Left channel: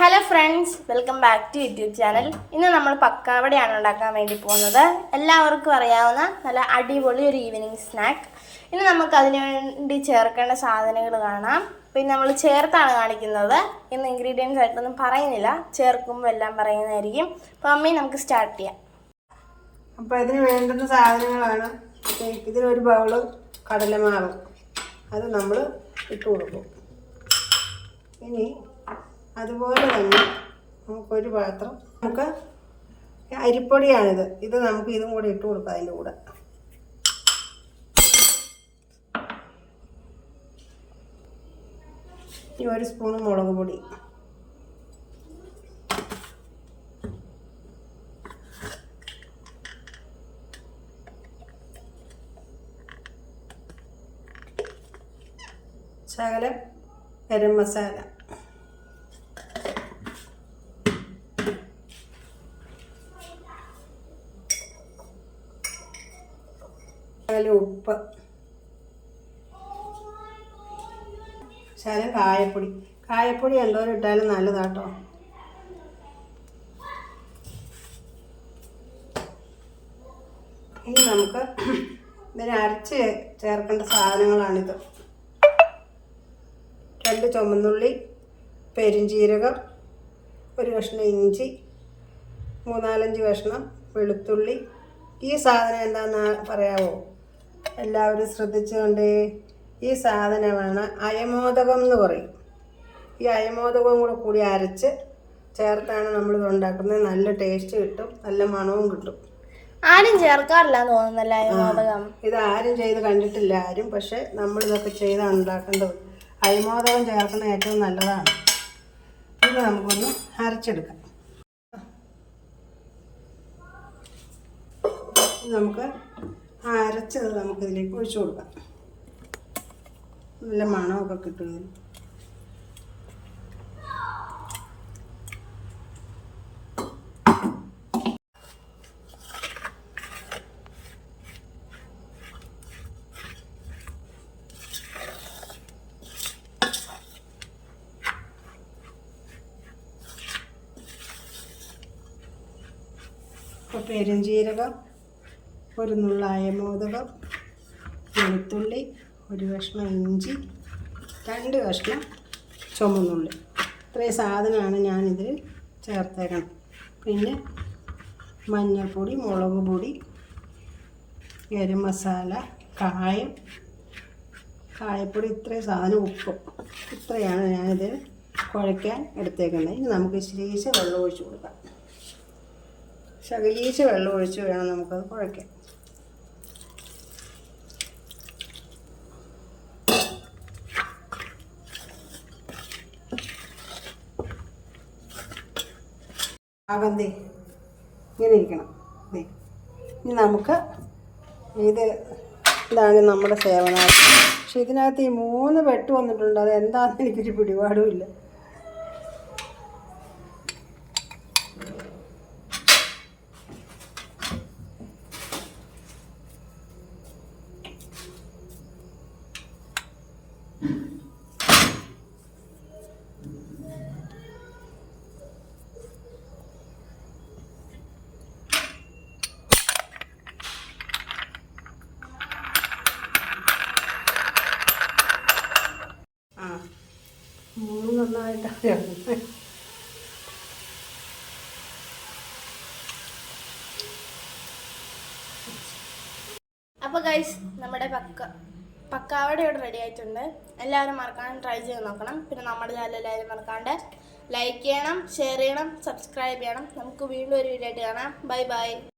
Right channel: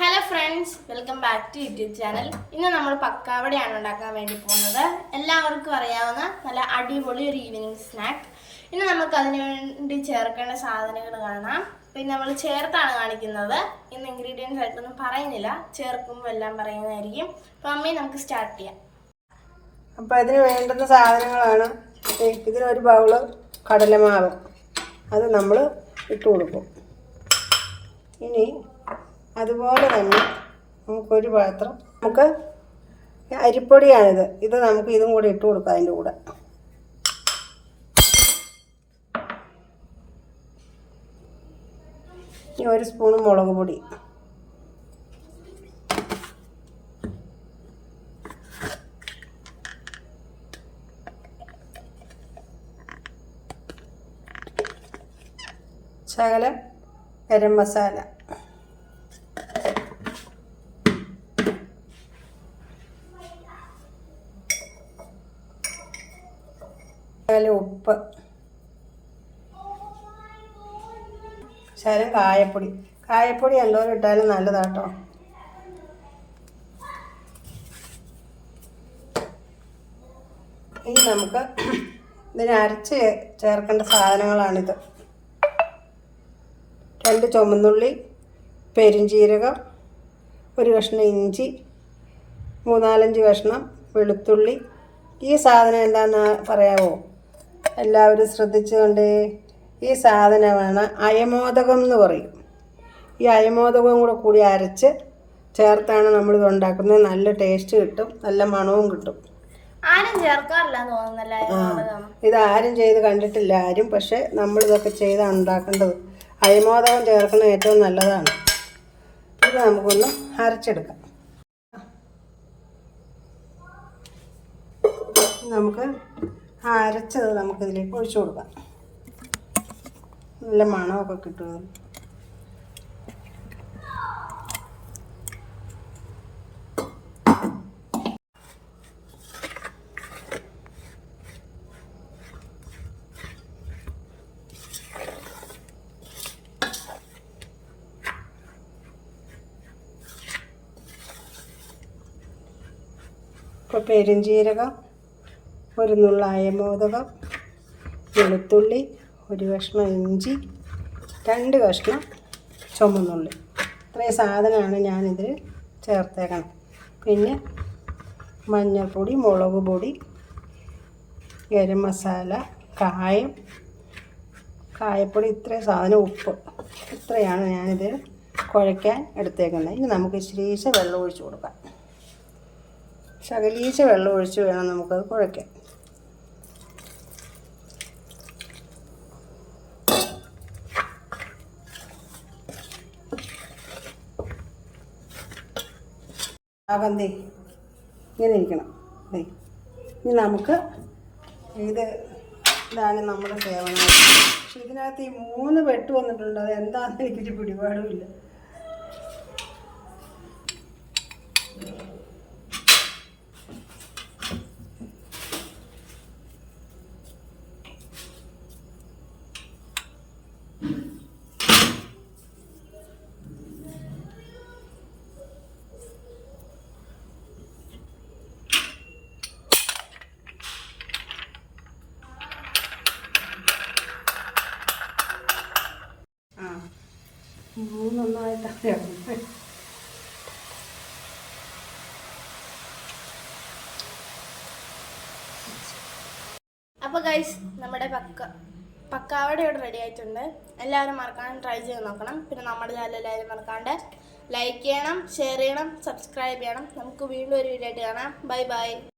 Hello friends, welcome back to YouTube channel. ഇന്ന് നമ്മൾ പക്കാവടയാണ് ഉണ്ടാക്കാൻ വേണ്ടി പോകുന്നത്. എല്ലാവർക്കും അറിയാവുന്ന നല്ല അടിപൊളി ഒരു ഈവനിങ് സ്നാക്ക്. ഇന്ന് നമുക്ക് അതിന് വേണ്ടി ചേർക്കേണ്ട സാധനങ്ങൾ കാണാം. പിന്നെ നമ്മൾ ചേർത്താണ് കാണിക്കുന്നത്. ഇന്ന് ഇൻഗ്രീഡിയൻസ് ആയിട്ടൊന്നും പറയുന്നില്ല, ചേർക്കുമ്പോൾ എല്ലാം പറയുന്നതായിരിക്കും. അപ്പോൾ അമ്മി, നമുക്ക് സ്റ്റാർട്ട് ചെയ്യാം. അപ്പോൾ അതിന് വേണ്ടുന്ന സാധനങ്ങളാണ് ഇതിനൊരു ബൗള് കടലമാവ്, അത് നമ്മൾ ഇട്ട് കൊടുക്കും. ഇനി അതുപോലെ തന്നെ നമുക്കൊരു പാത്രം, നമുക്ക് അരിപ്പൊടിയാണിത്, ഇത് നമുക്ക് ഇതും കൂടെ ഇട്ട് കൊടുക്കാം. അതിൻ്റെ കൂടെ ഈ ഒരു സ്പൂൺ മുളക് പൊടി, ശകലം ഗരം മസാല, ശകലം ഉപ്പ്, ശകലം കായപ്പൊടി. കായപ്പൊടി എന്തോരം ഇട്ടാലും നല്ലതാട്ടോ. ഇനി നമുക്ക് ഇതിന് അരച്ച് ചേർക്കേണ്ട സാധനങ്ങളാണിത്. 2 ചുമന്നുള്ളി, പെരിഞ്ചീരകം, ഒരു കഷ്ണം ഇഞ്ചി, 3-4 കഷ്ണം വെളുത്തുള്ളി. ഈ സാധനം എന്താണെന്ന് പറയാമോ? എല്ലാവരും ശ്രദ്ധിച്ചുകൊണ്ട്. ഈ സാധനമാണ് അയമോദകം എന്ന് പറയും. ഈ അയമോദകവും കൂടി അരച്ച് ചേർത്താണ് നമ്മളിത് ഉണ്ടാക്കുന്നത്. നല്ല ടേസ്റ്റ് കിട്ടും, നല്ല മണവും കിട്ടും. ആരും ചേർക്കാറില്ല തോന്നുന്നല്ലേ അയമോദകം? ഇത് ആരും ചെയ്ത് കണ്ടിട്ടില്ല ആരും. പക്ഷെ നമ്മളിതൊക്കെ ചെയ്താണ് ഉണ്ടാക്കേണ്ടത്. അയമോദകം ചേർക്കുന്നത് ഏറ്റവും നല്ലതാണ്. ഇത് നമുക്കൊന്ന് അരച്ചെടുക്കാം. നമുക്ക് ആ അരച്ചത് നമുക്കിതിലേക്ക് ഒഴിച്ചു കൊടുക്കാം. നല്ല മണമൊക്കെ കിട്ടും ഇതിന്. ഇപ്പോൾ പെരുംജീരകം, ഒരു നുള്ള അയമോദകം, വെളുത്തുള്ളി, ഒരു കഷ്ണം ഇഞ്ചി, 2 കഷ്ണം ചുമന്നുള്ളി, ഇത്രയും സാധനമാണ് ഞാനിതിൽ ചേർത്തേക്കണം. പിന്നെ മഞ്ഞൾപ്പൊടി, മുളക് പൊടി, ഗരം മസാല, കായപ്പൊടി, ഇത്രയും സാധനം, ഉപ്പ്, ഇത്രയാണ് ഞാനിത് കുഴയ്ക്കാൻ എടുത്തേക്കുന്നത്. ഇനി നമുക്ക് ശരീശ വെള്ളം ഒഴിച്ച് കൊടുക്കാം. ശകലീശ വെള്ളം ഒഴിച്ച് വേണം നമുക്കത് കുഴയ്ക്കാൻ. ആകന്തേ ഇങ്ങനെ ഇരിക്കണം. ഇനി നമുക്ക് ഇതാണ് നമ്മുടെ സേവനാർത്ഥി. പക്ഷെ ഇതിനകത്ത് ഈ 3 വെട്ട് വന്നിട്ടുണ്ട്. അത് എന്താണെന്ന് എനിക്കൊരു പിടിപാടുമില്ല. നന്നായിട്ട് അപ്പോൾ ഗൈസ്, നമ്മുടെ പക്കാവട ഇവിടെ റെഡി ആയിട്ടുണ്ട്. എല്ലാവരും മറക്കാണ്ട് ട്രൈ ചെയ്ത് നോക്കണം. പിന്നെ നമ്മുടെ ചാനൽ എല്ലാവരും മറക്കാണ്ട് ലൈക്ക് ചെയ്യണം, ഷെയർ ചെയ്യണം, സബ്സ്ക്രൈബ് ചെയ്യണം. നമുക്ക് വീണ്ടും ഒരു വീഡിയോ ആയിട്ട് കാണാം. Bye bye.